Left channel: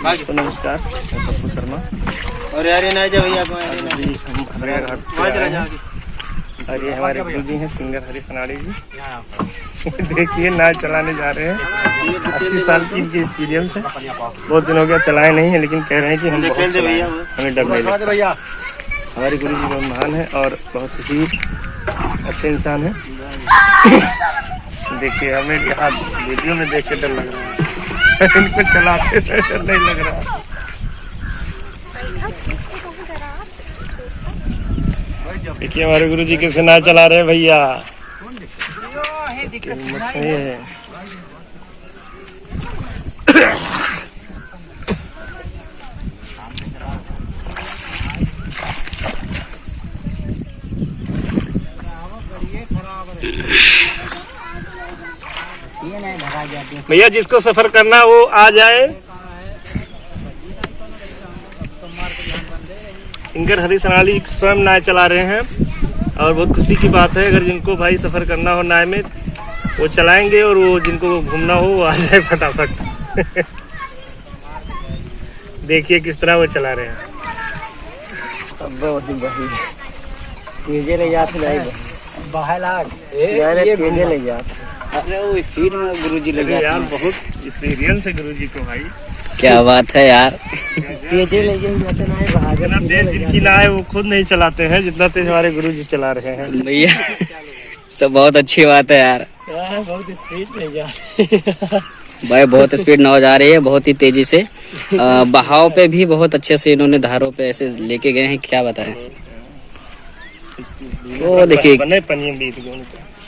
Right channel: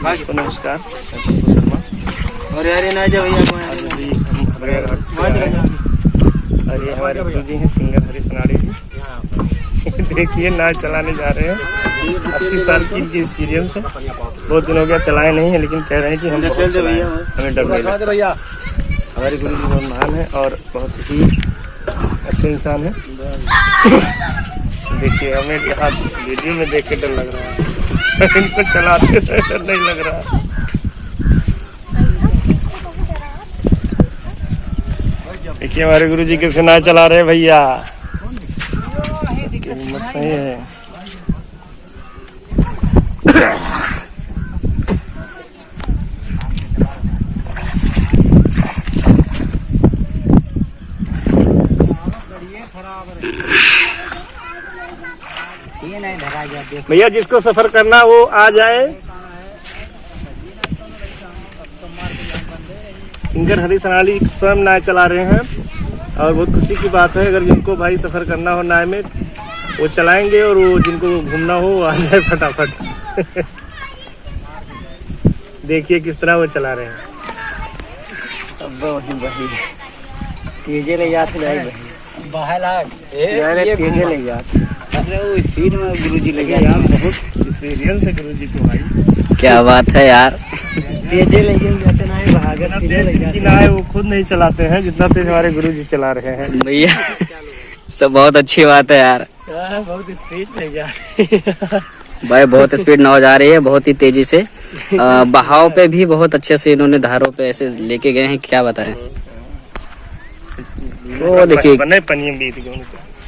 नमस्कार। और यार ये ना जाओ भैया और ये हमारे गुरु जी हैं सिंगर हरीश अनाड़ी जी। देखिए नाच चलाने जा रहे हैं। 80 साल की इनकी एक्सपीरियंस है। 2 दिन हो गया चलाए नहीं है, लेकिन कह रहे हैं कि हम बहुत चलाए हैं, हमें डर नहीं लगता। हमारे गुरु जी बहुत महान है और बहुत ही अच्छे इंसान है। देखिए हमें यहाँ वीडियो में देख के डर लग रहा है, इनको चलाते डर नहीं लग रहा है। देखिए हमारे गुरु जी कैसे नाच चला रहे हैं भैया। भैया जिसको सफर करना है वो आ जाए। सिंगर हरीश अनाड़ी स्वयं नाव चला रहे हैं और बहुत खुशी की बात है। अगर जिनको भाई सफर करना हो नाव में वो चलाएंगे और वो जिनको घूमना हो वो आ जाए फटाफट। देखिए किस तरह वो चला रहे हैं। तेजे ले जाते स्पीड में गुरुजी ले यार बहुत एक्सपीरियंस है गुरुजी को भाई। क्या बात है यार। तेजे लेके जाते ना है भागत है वो खुद नहीं चलाते हैं जितना तेज हमारे गुरुजी चला रहे हैं भैया। सब बहुत अच्छी बात है यार। बहुत स्पीड ले जा भाई बहुत स्पीड नाव जा रही है, बहुत ही तेजी से। बहाव पे भी बहुत अच्छे से इन्होंने धारों पे ऐसे लेके गए हैं, क्या बताएं। वो देखिए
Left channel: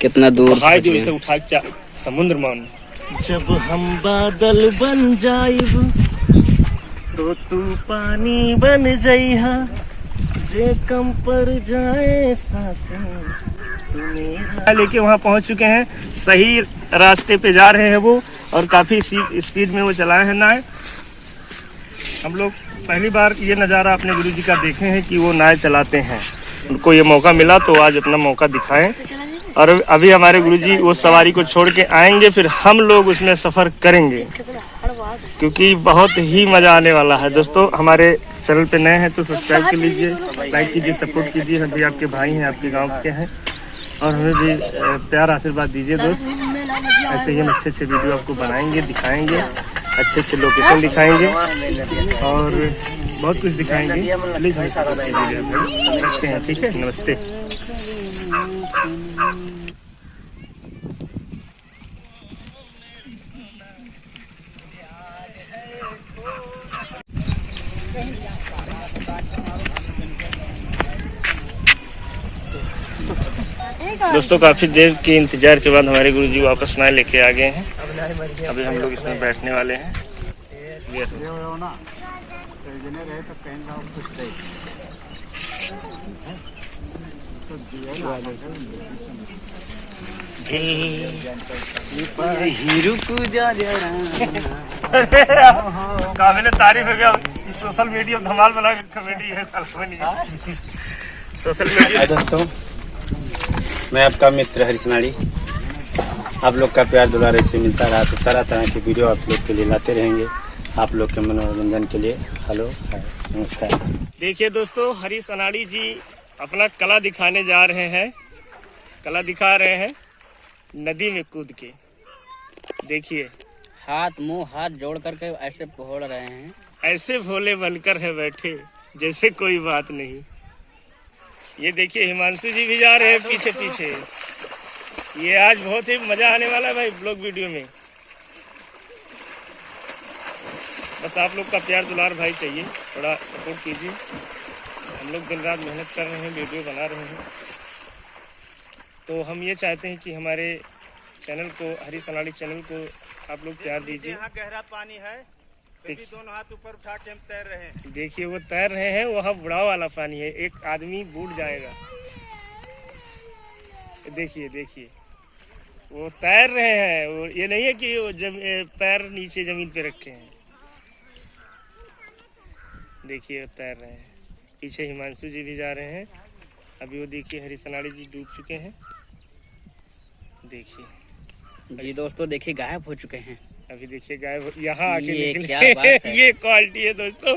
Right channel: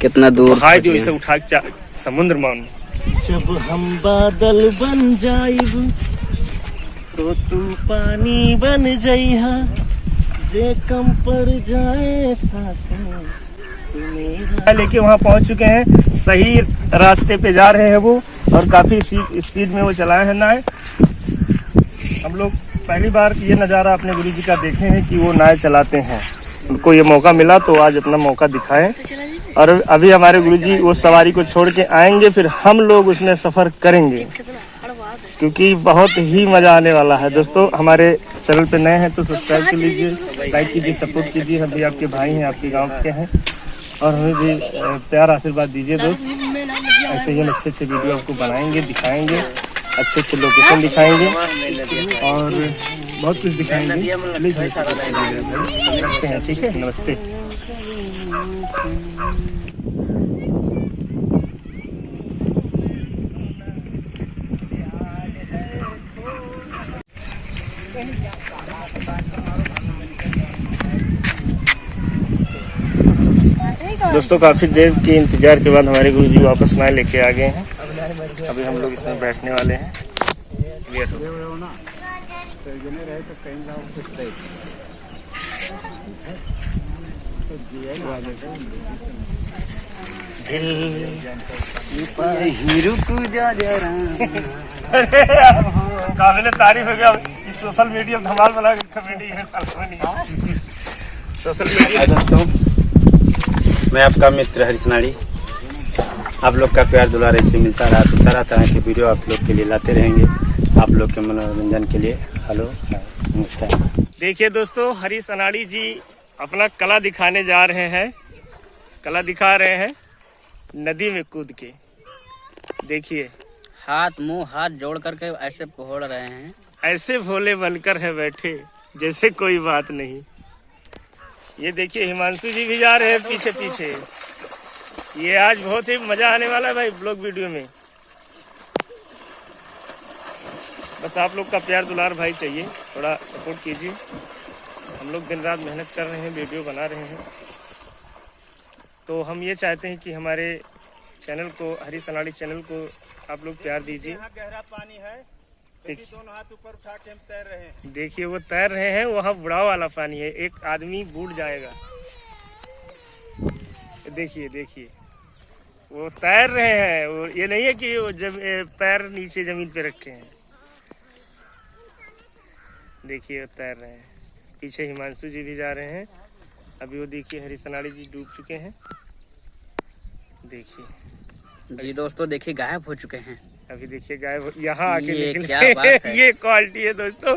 कितना दूर से उठा समुद्र मान। जब हम बादल बन जाइब तो तू पानी बन जाइहा, जे कम पर जाए सांसें। लेके वहाँ पहुँच चुके हैं, सही रास्ते पे जा रहे हैं वो और काफी स्पीड में वो चलाए हैं नाव। हम लोग पहली बार ये नज़ारा अपने गुरुजी का देखे हैं कि वो नाव चलाते हैं। उनको ये मौका मिला तो आज अपना मौका दिखाएं। और अभी हमारे गुरुजी वो सवारी को छोड़ के आएंगे, फिर हम लोग उसमें सफर करेंगे क्योंकि बहुत ही मजा आने वाला है। दोस्तों हमारे चैनल पे नए हैं तो सब्सक्राइब कर लीजिए, लाइक कीजिए, सपोर्ट कीजिए। हम भी आपके भाई हैं, आपके गांव के हैं और हमें भी प्यार आशीर्वाद दीजिए दोस्त। ऐसे ही हम अच्छे अच्छे वीडियो आपको बनाएंगे, दिखाएंगे, अच्छे अच्छे लोकेशन दिखाएंगे और बहुत कुछ दिखाएंगे। प्लीज रखते हैं, ठीक है। नमस्ते। दोस्तों काफी देर के इंतजार के बाद हमारे गुरुजी वापस नाव लेके आ गए हैं। अभी हम लोग इसमें बैठने वाले हैं। काबिल तारीफ हो गया। सोशल मीडिया धमाल बना कॉमेडी है सोशल मीडिया। दोस्तों मैं आपका मित्र हरीश अनाड़ी। आप लोग का प्यार दुलार ऐसे मिलता रहा तो तरह तरह के वीडियो आप लोग के लिए लाते रहेंगे, आप लोग के मनोरंजन के लिए। हेलो नमस्कार। देखिए दोस्तों हरीश अनाड़ी जी अपना कला दिखाने जा रहे हैं, कला दिखा रहे हैं नदी में कूद के। देखिए हाथ मुंह हाथ जोड़ करके ऐसे फोड़ रहे हैं, ऐसे भोले बनकर है बैठे जैसे कोई बात नहीं। ये देखिए हिमांशु जी भी जा रहे हैं पीछे पीछे। ये आज बहुत ही मजा आने वाला है भाई ब्लॉग वीडियो में। बस आप लोग का प्यार दुलार भाई चाहिए, थोड़ा सपोर्ट कीजिए। हम लोग दिन रात मेहनत कर रहे हैं, वीडियो बना रहे हैं। तो हम ये चाहते हैं कि हमारे चैनल को, हरीश अनाड़ी चैनल को आप लोग प्यार दीजिए। यहाँ गहरा पानी है, दोनों हाथ ऊपर उठा के हम तैर रहे हैं। देखिए वो तैर रहे हैं, वहाँ बुढ़ाव वाला पानी है, एक आदमी बूढ़ जाएगा। देखिए देखिए वो तैर रहे हैं। वो ये नहीं है कि वो पैर नीचे जमीन पे रखे हैं। देखिए वो तैर रहे हैं। पीछे हिमांशु जी भी जा रहे हैं। अभी वो देखिए हरीश अनाड़ी जी डूब चुके हैं। देखिए जी दोस्तों देखिए गायब हो चुके हैं। अभी देखिए गाय यहाँ आके ये निकले। क्या बात है। ये क्वालिटी है दोस्तों,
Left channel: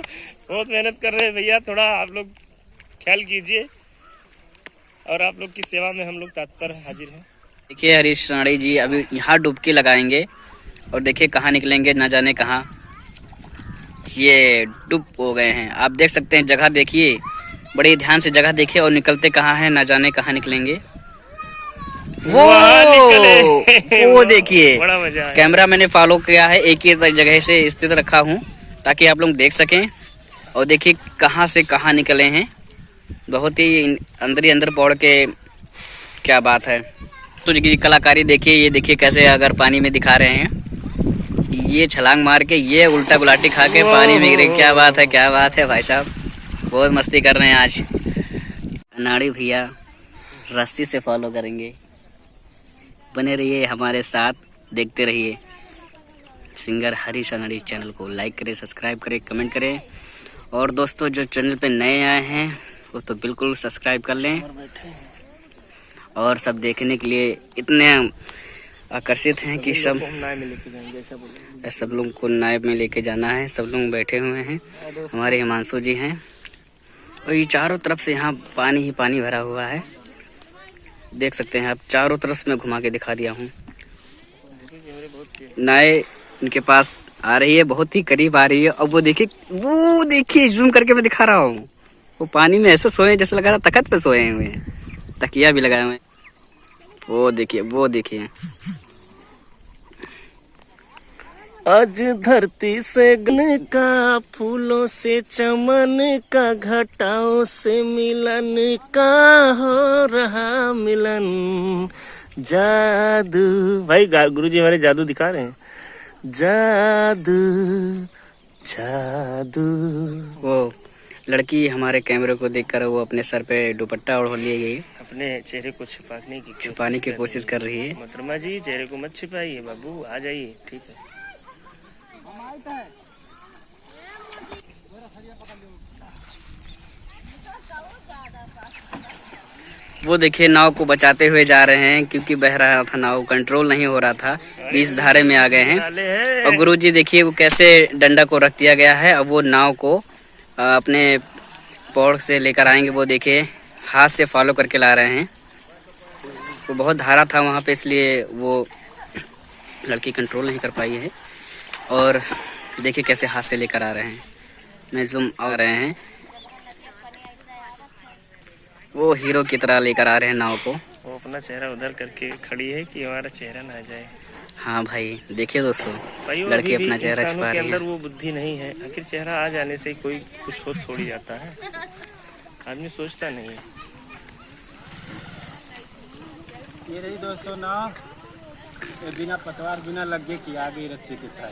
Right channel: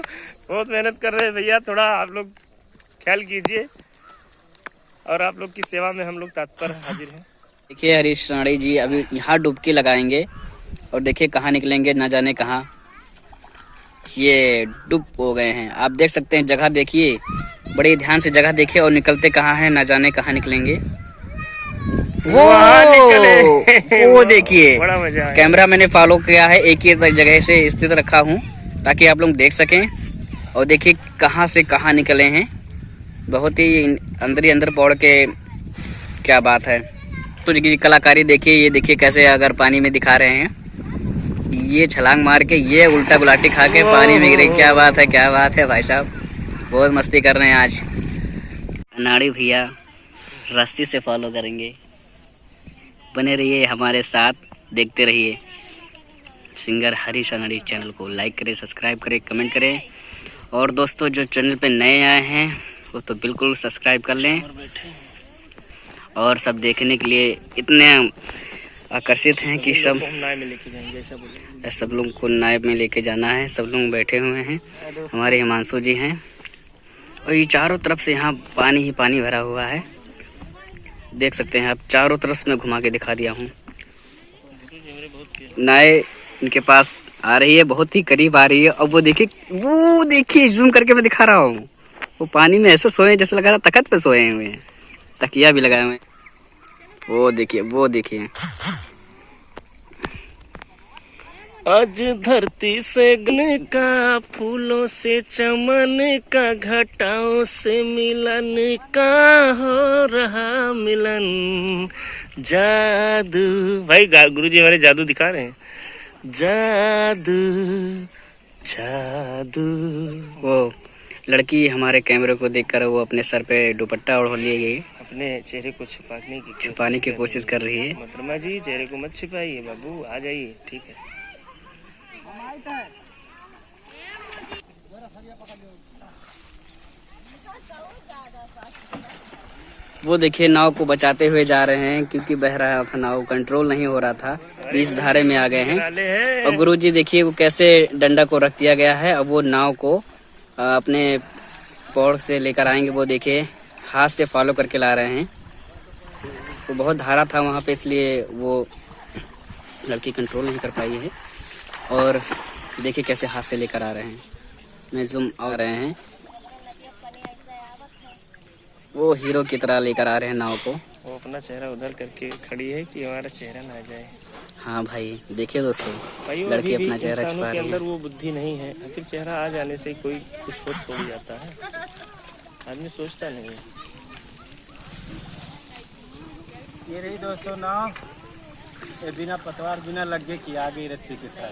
बहुत मेहनत कर रहे हैं भैया, थोड़ा आप लोग ख्याल कीजिए और आप लोग की सेवा में हम लोग तत्पर हाजिर हैं। देखिए हरीश राणी जी अभी यहाँ डुबकी लगाएंगे और देखिए कहाँ निकलेंगे, ना जाने कहाँ ये डूब हो गए हैं। आप देख सकते हैं, जगह देखिए, बड़े ध्यान से जगह देखिए और निकलते कहाँ हैं, ना जाने कहाँ निकलेंगे। वहाँ निकले। वो देखिए, बड़ा मजा आया। कैमरा मैंने फॉलो किया है, एक ही जगह से स्थित रखा हूँ ताकि आप लोग देख सकें। और देखिए कहाँ से कहाँ निकले हैं, बहुत ही अंदर ही अंदर पौड़ के, क्या बात है। तो जी कलाकारी देखिए, ये देखिए कैसे अगर पानी में दिखा रहे हैं, ये छलांग मार के, ये उल्टा गुलाटी खा के पानी में गिरे। क्या बात है, क्या बात है भाई साहब, बहुत मस्ती कर रहे हैं आज। अनाड़ी भैया रस्सी से फॉलो करेंगे, बने रहिए हमारे साथ, देखते रहिए। सिंगर हरीश अनाड़ी चैनल को लाइक करें, सब्सक्राइब करें, कमेंट करें। और दोस्तों जो चैनल पे नए आए हैं वो तो बिल्कुल सब्सक्राइब कर लें। और सब देखने के लिए इतने आकर्षित हैं कि सब लोग को नाव में लेके जाना है। सब लोग बैठे हुए हैं, हमारे हिमांशु जी हैं। और ये चारों तरफ से यहाँ पानी ही पानी भरा हुआ है, देख सकते हैं आप। चारों तरफ मैं घुमा के दिखा दिया हूँ। नाव इनके पास आ रही है, बहुत ही करीब आ रही है। अब वो देखिए जूम करके मैं दिखा रहा हूँ, वो पानी में ऐसे सोए जैसे लगा रहा तख्त पे सोए हुए हैं, तकिया भी लगाए हुए हैं। वो देखिए आज धरती से गन का, फूलों से चमन का, घटाओं से मिलन का हो रहा मिलन। जादू भाई, गुरुजी हमारे जादू दिखा रहे हैं। जादू जादू। वो लड़की हमारे कैमरे को देखकर वो अपने सर पे दुपट्टा ओढ़ लिए गई, अपने चेहरे को छुपाने की कोशिश कर रही है। मोहतरमा जी चेहरे को मत छिपाइए, बाबू आ जाइए, ठीक है। वो देखिए नाव को बचाते हुए जा रहे हैं, क्योंकि बह रहा था नाव, कंट्रोल नहीं हो रहा था, बीच धारे में आ गए हैं। और गुरुजी देखिए वो कैसे डंडा को रख दिया गया है। अब वो नाव को अपने पौड़ से लेकर आएंगे। वो देखिए हाथ से फॉलो करके ला रहे हैं। वो बहुत धारा था वहाँ पे, इसलिए वो लड़की कंट्रोल नहीं कर पाई है। और देखिए कैसे हाथ से लेकर आ रहे हैं, मैं जूम आ रहे हैं। वो हीरो की तरह लेकर आ रहे हैं नाव को। वो अपना चेहरा उधर करके खड़ी है कि हमारा चेहरा ना जाए। हाँ भाई देखिए दोस्तों, भाई लड़की अपना चेहरा इंसानों छुपा के रही अंदर है। वो बुद्धि नहीं है, आखिर चेहरा आ जाने से कोई कुछ हो छोड़ जाता है, आदमी सोचता नहीं है। ये रही दोस्तों नाव, ये बिना पतवार बिना लगे की आ गई रस्सी के साथ।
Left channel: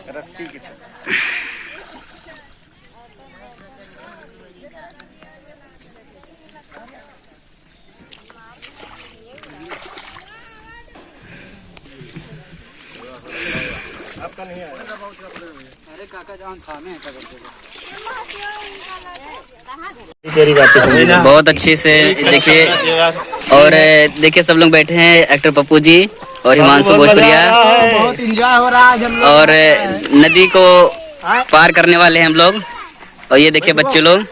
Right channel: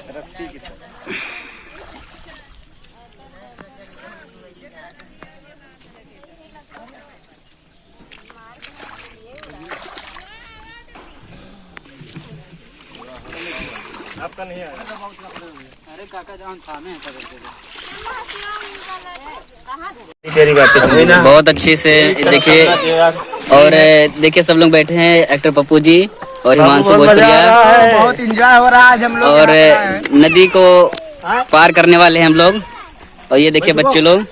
आपका नहीं है? अरे काका जान थामे हैं बहुत अच्छे से देखिए। और देखिए सब लोग बैठे हैं, एक्टर पप्पू जी और हिमांशु भोजपुरिया, बहुत एंजॉय हो रहा है आज हम लोग। और नदी को पार करने वाले हैं हम लोग। और ये देखिए बच्चे लोग,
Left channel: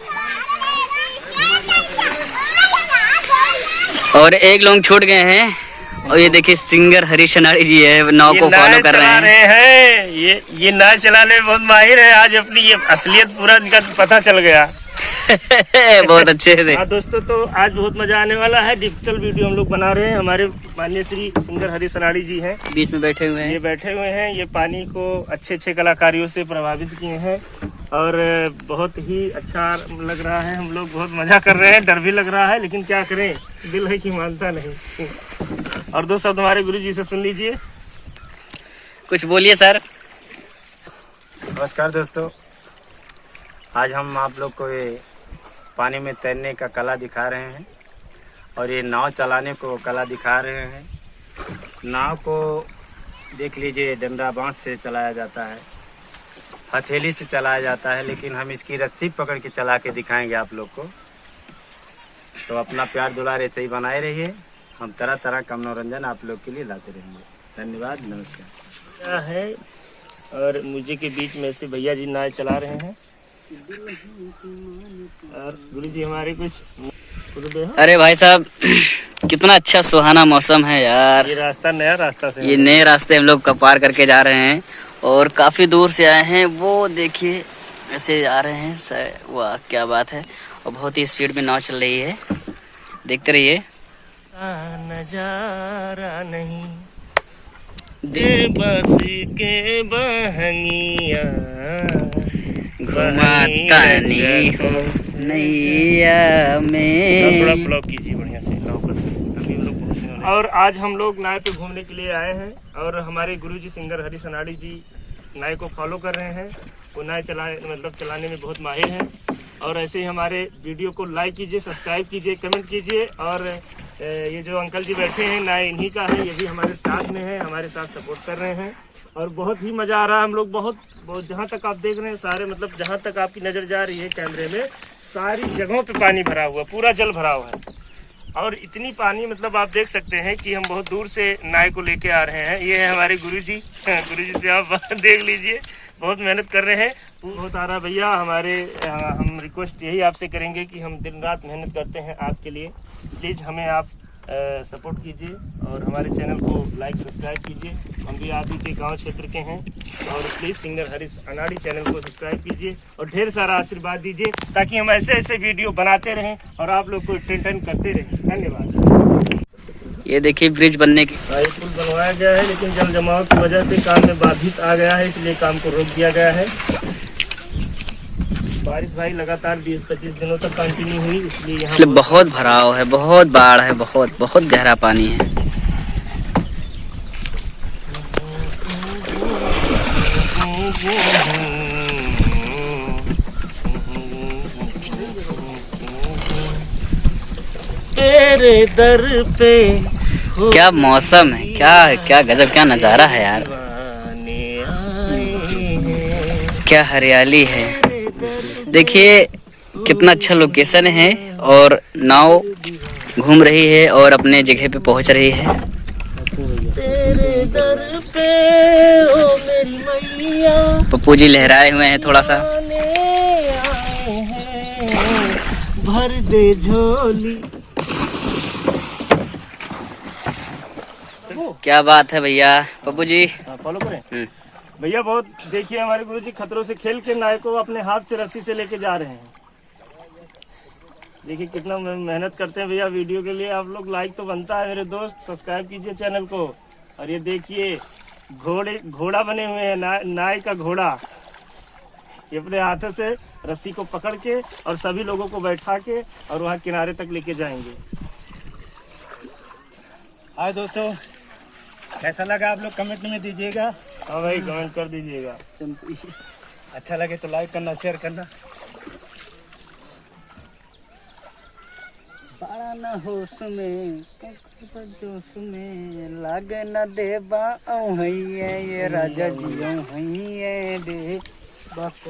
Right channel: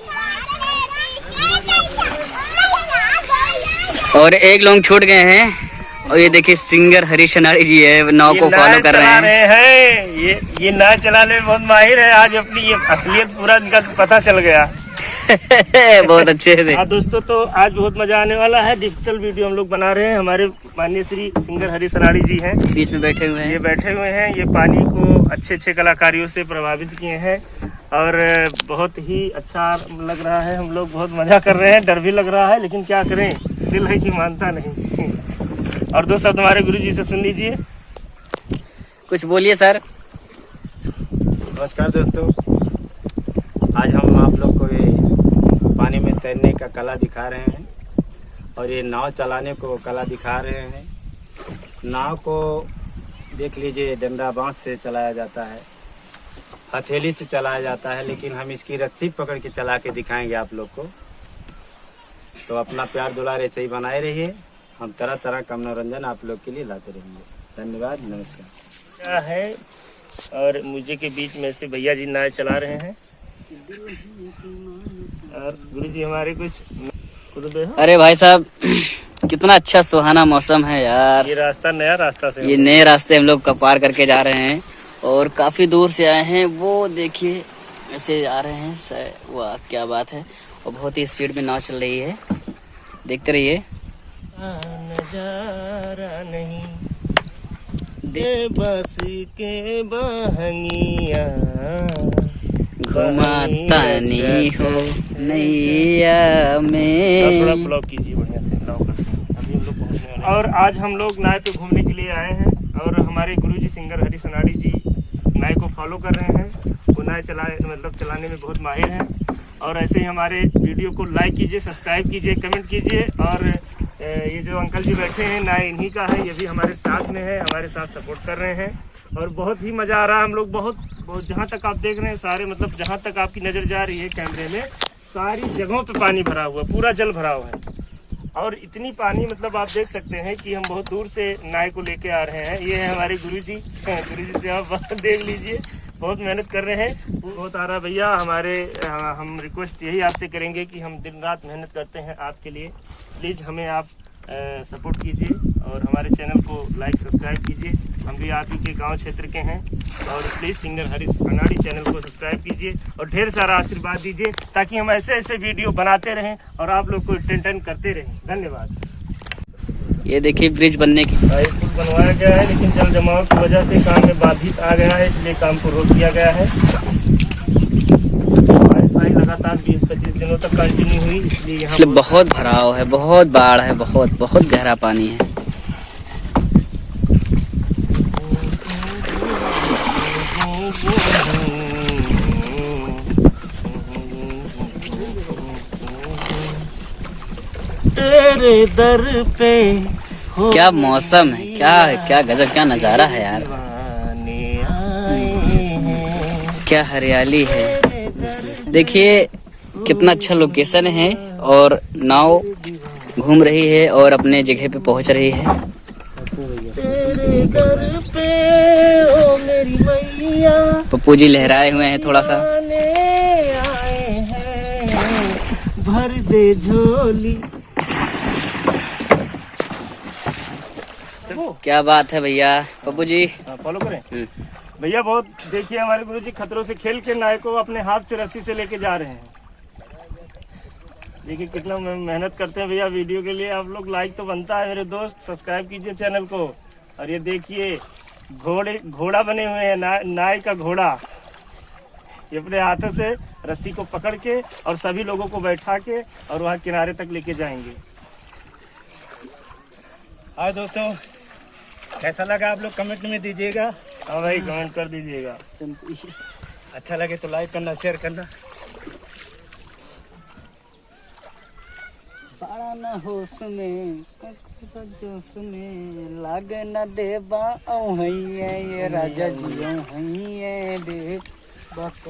और एक लोग छूट गए हैं। और ये देखिए सिंगर हरीश अनाड़ी जी है, नाव को फॉलो कर रहे हैं। ये नाव चलाने में बहुत माहिर है। आज अपनी ये असलियत पूरा इनका पता चल गया। बहुत अच्छे से। हाँ दोस्तों, तो आज बहुत मजा आने वाला है। डिजिटल वीडियो हम लोग बना रहे हैं। हमारे माननीय श्री सिंगर हरीश अनाड़ी जी हैं, बीच में बैठे हुए हैं। ये बैठे हुए हैं। ये पानी को अच्छे अच्छे कलाकारियों से प्रभावित किए हैं और बहुत ही अच्छा लग रहा है। हम लोग बहुत मजा कर रहे हैं, डर भी लग रहा है, लेकिन क्या करें, दिल है कि मानता नहीं। और दो शब्द हमारे गुरु जी से सुन लीजिए। कुछ बोलिए सर। नमस्कार दोस्तों, आज हम आप लोग को ये पानी में तैरने का कला दिखा रहे हैं और ये नाव चलाने को कला दिखा रहे हैं। नाव को देख लीजिए, डंडा बांस से चलाया जाता है, हथेली से चलाया जाता है, लेकिन हम इसकी रस्सी पकड़ के चला के दिखाएंगे आप लोग को। तो अपना प्यार दुलार ऐसे ही बनाए रहिए। हम तरह तरह का मनोरंजन आप लोग के लिए लाते रहेंगे। धन्यवाद, नमस्कार। है और मुझे के बीच में से भैया जी नाव चला रहे हैं। और गुरु जी हमारे कुछ अरे भाई साहब कितना अच्छा सुहाना मौसम है यार। ये रास्ता नया रास्ता से ये नए रास्ते हम लोग का पार करके जा रहे हैं और काफी दूर से आए हैं। वो देखिए ऐसे आ रहे हैं, वाह क्या बात है। और बहुत ही स्पीड में नाव चल रही है, देखते रहिए। नजारा नहीं दे बस के बहंगिया घुमाता नहीं हो नैया में। थोड़ा ब्लॉक कीजिए बढ़िया से नाव पर। अभी हम लोग पहुंचने वाले हैं। और आज हम लोग नाव पे घूमने के लिए आए हैं और हमारे गुरुजी सिंगर हरी सनाड़ी जी नाव को फॉलो कर रहे हैं। वो नाव चलाने में बहुत माहिर हैं। और ऐसे ही हमारे वीडियो को लाइक कीजिए, सब्सक्राइब कीजिए, कमेंट कीजिए। और ये जो अंकल जी बैठे हैं नाव इन्हीं का है, ये भी हमारे साथ में है, हमारे साथ सपोर्ट कर रहे हैं। और बहुत ही मज़ा आ रहा है। हम लोग बहुत जहाँ तक आप देख रहे हैं सारे जहाँ तक आपकी नज़र जा रही है कैमरे में, सारी जगहों पे पानी भरा हुआ है, पूरा जल भरा हुआ है। और इतनी पानी आप देख सकते हैं कि हम बहुत दूर से नाव को लेके आ रहे हैं। ये है हमारे गुरुजी से आप देख लीजिए, बहुत मेहनत कर रहे हैं। बहुत आ रहा भैया हमारे। हम रिक्वेस्ट यही आपसे करेंगे कि हम दिन रात मेहनत करते हैं आपके लिए, प्लीज़ हमें आप सपोर्ट कीजिए और हमारे चैनल को लाइक सब्सक्राइब कीजिए। हम भी आप ही के गांव क्षेत्र के हैं। और प्लीज़ सिंगर हरी सनाड़ी चैनल को सब्सक्राइब कीजिए और ढेर सारा आशीर्वाद दीजिए ताकि हम ऐसे ऐसे वीडियो बनाते रहें और आप लोग को एंटरटेन करते रहें। धन्यवाद। ये देखिए ब्रिज बनने की पुल बनवाया गया है, लेकिन जल जमाव की वजह से काम में बाधित आ गया है, इसलिए काम को रोक दिया गया है। बारिश लगातार 20-25 दिनों तक कंटिन्यू हुई, इसलिए बहुत भराव है, बहुत बाढ़ है, बहुत बहुत गहरा पानी है। तेरे दर पे क्या मौसम है, क्या गजब, क्या नजारा है यार। क्या हरियाली है, देखिए कितना अच्छा लोकेशन है। और नाव घूम रही है और अपने जगह पे पहुंच रही है। तेरे दर पे ओ मेरी मैया पप्पू जी लहराए हुए हैं थोड़ा सा। आए हैं, भर दे झोली। क्या बात है भैया। पप्पू जी फॉलो करें भैया। बहुत देखिए हमारे गुरुजी खतरों से खेल के नाव को अपने हाथ से रस्सी से लेके जा रहे हैं। देखिए कितना मेहनत करते हैं भैया वीडियो के लिए। आप लोग लाइक तो बनता है मेरे दोस्त, सब्सक्राइब कीजिए चैनल को। और ये देखिए घोड़ा बने हुए हैं, नाव का घोड़ा। ये अपने हाथों से रस्सी को पकड़ के और सभी लोगों को बैठा के और वहाँ किनारे तक लेके जाएंगे। हाँ दोस्तों, कैसा लगा आप लोग कमेंट में दीजिएगा। हाँ भाई कमेंट कर दीजिएगा। अच्छा लगे तो लाइक करना, शेयर करना। बड़ा न होश में जोश में लागे न देबा ये राजा जी दे बस।